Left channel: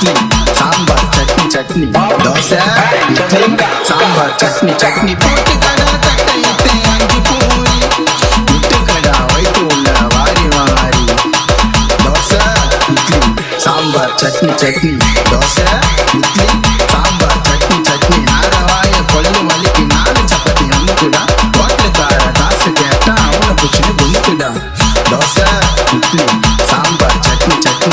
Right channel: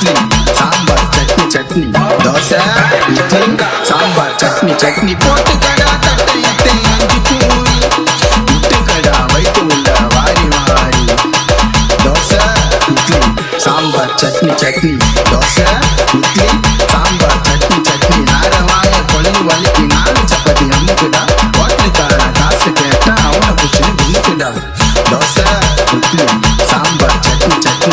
இட்லி சாம்பார் சட்னி சட்னி தோசை இட்லி சாம்பார் சட்னி சட்னி போட்டு கடா தட்டை இட்டு 5 பூரி முட்டு கடா வைத்து உள்ள வாரி வாரி தோசை இட்லி சாம்பார் சட்னி சட்னி தோசை இட்லி சாம்பார் சட்னி சட்னி நாரவாய கொள்ளு வலிக்கு 4 சப்பாத்தி அமுக்குடா ஹோட்டலுக்கார காசு கேட்டா அவனை பிடிச்சுன்னு குமுக்குடா தோசை இட்லி சாம்பார் சட்னி சட்னி